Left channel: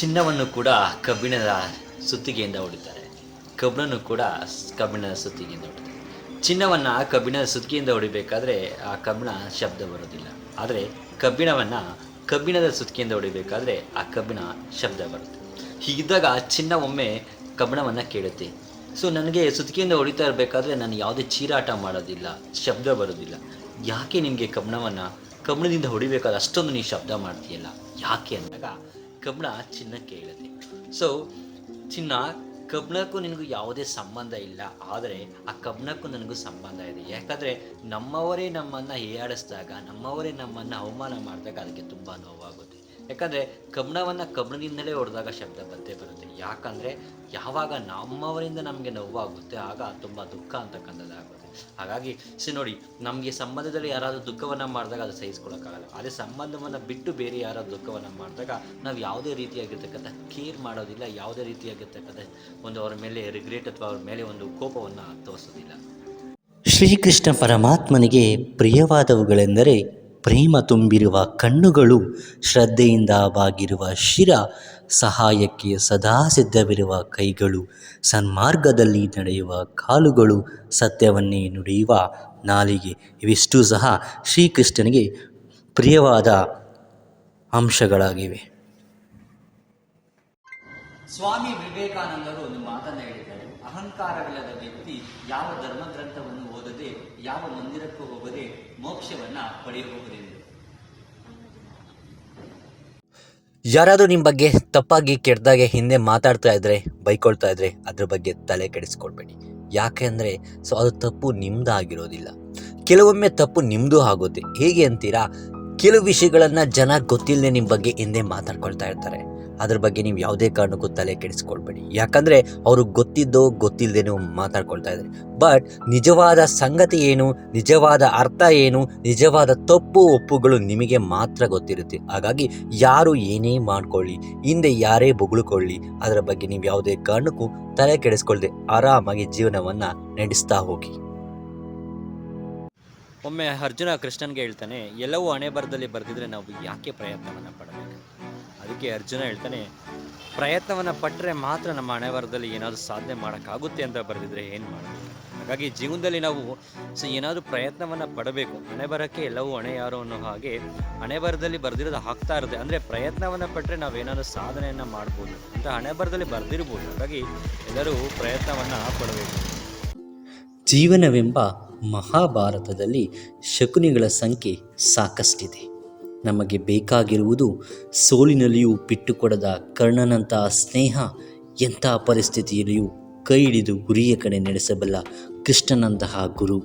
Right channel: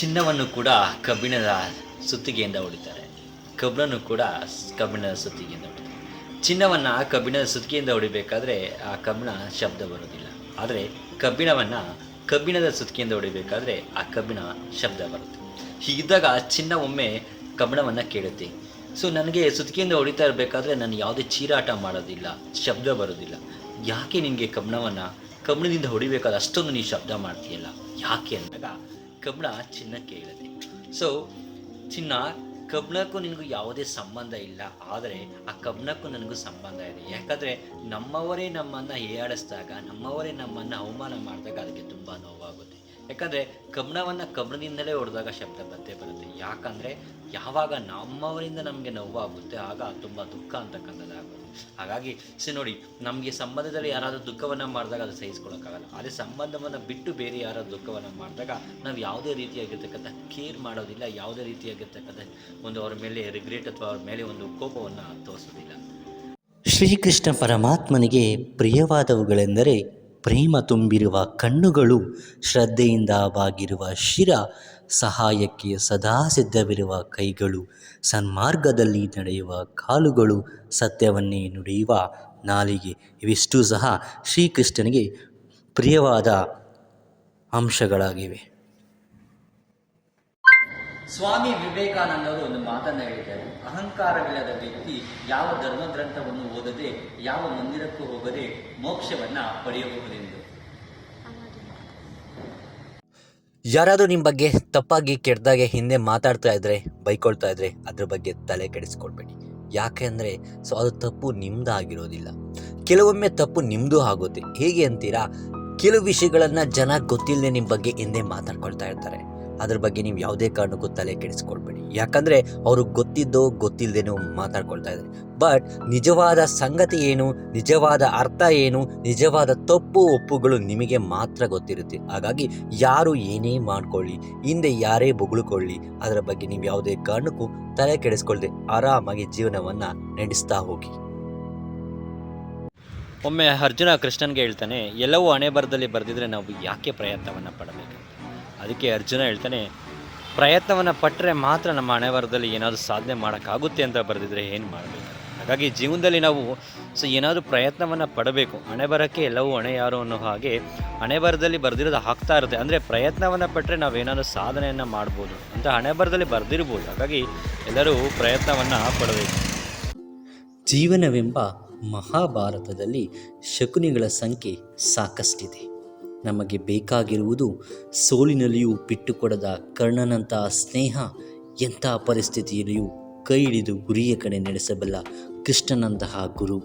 ಚಿನ್ನವನ್ನು ಕೂಡ ಕಬ್ಬಿಣದ ಸುತ್ತಿಗೆಯಿಂದ ಹೊಡಿತಾರೆ. ಕಬ್ಬನ್ನು ಕೂಡ ಕಬ್ಬಿಣದ ಸುತ್ತಿಗೆಯಿಂದ ಹೊಡಿತಾರೆ. ಚಿನ್ನವನ್ನು ಕಬ್ಬಿಣದ ಸುತ್ತಿಗೆಯಿಂದ ಹೊಡಿಬೇಕಾದ್ರೆ ಆ ಕಬ್ಬಿಣ ಶಬ್ದ ಬರೋದಿಲ್ಲ. ಆದರೆ ಕಬ್ಬಿಣದ ಸುತ್ತಿಗೆಯಿಂದ ಹೊಡಿಬೇಕಾದ್ರೆ ಆ ಕಬ್ಬಿಣ ಶಬ್ದ ಬರುತ್ತೆ. ಹೀಗಿದ್ದಾಗ ಚಿನ್ನ ಒಮ್ಮೆ ಕಬ್ಬಿಣವನ್ನು ಕೇಳುತ್ತೆ. ಸೊ ನನಗೆ ಸುತ್ತಿಗೆಯಿಂದ ಹೊಡಿತಾ ಇರಬೇಕಾದ್ರೆ ನಾನು ಯಾವುದೇ ಚೀರಾಟ ಮಾಡೋದಿಲ್ಲ, ಶಬ್ದ ಬರೋದಿಲ್ಲ. ಯಾಕೆ ನಿನಗೆ ಕಬ್ಬಿಣದಿಂದ ಹೊಡಿಬೇಕಾದ್ರೆ ಅಷ್ಟೊಂದು ನೀನು ಶಬ್ದ ಮಾಡ್ತೀಯಲ್ಲ ಯಾಕೆ ಅಂದಾಗ ಕಬ್ಬಿಣ ಚಿನ್ನಕ್ಕೆ ಹೇಳುತ್ತೆ. ಸೊ ಚಿನ್ನ ಕಬ್ಬಿಣಕ್ಕೂ ನಿನಗೂ ಯಾವುದೇ ಸಂಬಂಧ ಇಲ್ಲ, ಆದರೆ ಆ ಕಬ್ಬಿಣಕ್ಕೂ ನನಗೂ ಸಂಬಂಧ ಇದೆ. ಯಾಕಂದರೆ ನಮ್ಮವರೇ ನಮ್ಮನ್ನು ಹೀಯಾಳಿಸಿದಾಗ, ನಮ್ಮವರೇ ನಮ್ಮನ್ನು ಅವಮಾನ ಮಾಡಿದಾಗ ಅದಕ್ಕೆ ತುಂಬ ನೋವಾಗುತ್ತೆ. ಯಾಕಂದರೆ ಕಬ್ಬಿಣದಿಂದಲೇ ಹೊಡೆದಾಗ ಶಬ್ದ ಬಂದೇ ಬರುತ್ತೆ. ಯಾಕಂದರೆ ಯಾವಾಗ ನಮ್ಮವರಿಂದ ನಮಗೆ ನೋವಾಗುತ್ತೆ ಆಗ ತುಂಬ ದುಃಖ ಅಂತಕ್ಕಂಥದ್ದಾಗುತ್ತೆ. ಹಾಗಾಗಿ ನೋಡಿ, ನಮಗೆ ಸಂಬಂಧದಲ್ಲಿ ಯಾರಾದರೂ ದುಃಖವನ್ನು ಮಾಡಿದಾಗ ಅದು ಸಹಿಸ್ಕೊಳ್ಳೋಕ್ಕಾಗಲ್ಲ. ಅದೇ ಸಂಬಂಧವನ್ನು ಬಿಟ್ಟು ಬೇರೆ ಯಾರಾದರೂ ದುಃಖವನ್ನು ಮಾಡಿದಾಗ ನಾವು ಯಾವುದೇ ರೀತಿಯಾಗಿರ್ತಕ್ಕಂಥ ಕೇರ್ ಮಾಡೋದಿಲ್ಲ, ಯಾವುದೇ ರೀತಿಯಾಗಿರ್ತಕ್ಕಂಥ ಅವರ ಮೇಲೆ ರಿಗ್ರೆಟ್ ಅಥವಾ ಅವ್ರ ಮೇಲೆ ಒಂದು ಕೋಪವನ್ನು ತೋರಿಸೋದಿಲ್ಲ. ಶ್ರೀಕೃಷ್ಣ ಪರಮಾತ್ಮನಿಗೆ ಪ್ರಿಯವಾದವುಗಳೆಂದರೆ ಪ್ರೇಮ ತುಂಬಿರುವ ಕಣ್ಣುಗಳು, ಶ್ರದ್ಧೆಯಿಂದ ಬಾಗಿರುವ ಶಿರ, ಸಹಾಯಕ್ಕೆ ಸದಾ ಸಿದ್ಧವಿರುವ ಕೈಗಳು, ಸನ್ಮಾರ್ಗದಲ್ಲಿ ನಡೆಯುವ ಕಾಲುಗಳು, ಸತ್ಯವನ್ನೇ ನುಡಿಯುವ ನಾಲಿಗೆ. ಇವಿಷ್ಟೂ ಸಹ ಶ್ರೀಕೃಷ್ಣನಿಗೆ ಪ್ರಿಯವಾದ ಅಂಶಗಳಾಗಿವೆ. ಸ್ವಾಮಿ ವಿವೇಕಾನಂದರು ಒಂದು ಮಾತನ್ನು ಹೇಳಿದ್ದಾರೆ. ಅಹಂಕಾರವಿಲ್ಲದ ವ್ಯಕ್ತಿ ಯಾವ ಧರ್ಮಗ್ರಂಥವನ್ನು ಓದದೆ, ಯಾವ ಮಂದಿರಕ್ಕೂ ಹೋಗದೆ ಮೋಕ್ಷವನ್ನ ಪಡೆಯಬಹುದೆಂದು. ಯಾರಾದರೂ ನಿಮ್ಮ ಬಗ್ಗೆ ತಪ್ಪಾಗಿ ಕೆಟ್ಟದಾಗೆ ಹಿಂದೆ ಮಾತಾಡ್ತಾ ಇದ್ರೆ, ಬೈಕೊಳ್ತಾ ಇದ್ರೆ ಅದ್ರ ಬಗ್ಗೆ ತಲೆ ಕೆಡಿಸ್ಕೊಳ್ಬೇಡಿ. ಯಾಕೆ ಅಂದರೆ ಅದು ತಪ್ಪು ನಿಮ್ಮದಾಗಿರೋದಿಲ್ಲ. ಕೆಲವೊಮ್ಮೆ ತಪ್ಪು ನಿಮ್ಮದು ಆಗುತ್ತೆ. ಹೇಗೆ ಅಂತೀರಾ? ಕೆಲವು ವಿಷಯಗಳನ್ನು ಜನ ಗೊತ್ತಿಲ್ಲದೆ ನಿಮ್ಮ ಬಗ್ಗೆ ಹಿಂದೆ ಮಾತಾಡ್ಕೊಳ್ತಾ ಇರ್ತಾರೆ. ಅದ್ರ ಬಗ್ಗೆ ನೀವು ಯಾವುದೇ ಕಾರಣಕ್ಕೂ ತಲೆ ಕೆಡಿಸ್ಕೊಳ್ಬೇಡಿ. ಯಾಕಂದರೆ ಅವರು ಗೊತ್ತಿಲ್ಲದೇನೋ ಮಾತಾಡ್ಕೊಳ್ತಾ ಇದ್ದಾರೆ. ಬಟ್ ನಿಜವಾದ ಸಂಗತಿ ಏನು, ನಿಜವಾದ ಅರ್ಥ ಏನು, ನಿಜವಾದ ತಪ್ಪು ಒಪ್ಪುಗಳು ನಿಮಗೆ ಮಾತ್ರ ಗೊತ್ತಿರುತ್ತೆ. ಹಾಗಾಗಿ ಯಾರು ಏನೇ ಮಾಡ್ಕೊಳ್ಳಿ, ಹಿಂದೆ ಯಾರೇ ಬೊಗಳ್ಕೊಳ್ಳಿ, ಅದರ ಬಗ್ಗೆ ನೀವು ಯಾವುದೇ ಕಾರಣಕ್ಕೂ ತಲೆ ಕೆಡಿಸ್ಕೊಳ್ದೆ ಆರಾಮಾಗಿ ಜೀವನವನ್ನು ನಡೆಸ್ತಾ ಹೋಗಿ. ಒಮ್ಮೆ ಅರ್ಜುನ ಕೃಷ್ಣನ್ಗೆ ಹೇಳ್ತಾನೆ, ಎಲ್ಲವೂ ಹಣೆ ಬರದಲ್ಲಿ ಬರೆದಿದ್ರೆ ನಾವು ಯಾಕೆ ಪ್ರಯತ್ನವನ್ನು ಪಡಬೇಕು? ಅದಕ್ಕೆ ಅರ್ಜುನ ಹೇಳ್ತಾನೆ, ಪ್ರಯತ್ನವನ್ನು ಪಟ್ಟರೆ ಮಾತ್ರ ನಮ್ಮ ಹಣೆ ಬರದಲ್ಲಿ ಏನಾದರೂ ಸಾಧನೆ ಮಾಡೋಕ್ಕಾಗುತ್ತೆ ಅಂತ ಬರೆದಿದ್ರೆ ಏನು ಮಾಡಬೇಕು? ಹಾಗಾಗಿ ಜೀವನದಲ್ಲಿ ನಾವು ಏನಾದರೂ ಪ್ರಯತ್ನವನ್ನು ಪಡಬೇಕು. ಹಣೆ ಬರೋಕ್ಕೆ ಎಲ್ಲವೂ ಹಣೆ ಯಾರು ಅನ್ನೋ ಹಾಗೆ ಹಣೆ ಬರದಲ್ಲಿ ಬರೆದಿರೋದು ಆಗ್ತಾ ಇರುತ್ತೆ. ಅಂದರೆ ಪ್ರಯತ್ನವನ್ನು ಪಟ್ಟರೆ ನಾವೇನಾದರೂ ಸಾಧನೆಯನ್ನು ಮಾಡ್ಬೋದು ಅಂತ ಹಣೆ ಬರದಲ್ಲಿ ಬರೆದಿರ್ಬೋದು. ಹಾಗಾಗಿ ಎಲ್ಲರೂ ಪ್ರಯತ್ನವನ್ನು ಪಡಬೇಕು. ಜೀವನವೆಂಬ ಮಹಾಭಾರತದಲ್ಲಿ ಶಕುನಿಗಳ ಸಂಖ್ಯೆ ಸಾಕಷ್ಟಿದೆ. ನಮಗೆ ಬೇಕಾಗಿರುವುದು ಸೋಲಿನಲ್ಲಿಯೂ ಬಿಟ್ಟುಕೊಡದ ಕರ್ಣನಂತಹ ಸ್ನೇಹ, ಎಂಥ ಪರಿಸ್ಥಿತಿಯಲ್ಲಿಯೂ ಕೈ ಹಿಡಿದು ಗುರಿಯ ಕಡೆ ನಡೆಸಬಲ್ಲ ಕೃಷ್ಣನಂತಹ ಗುರು.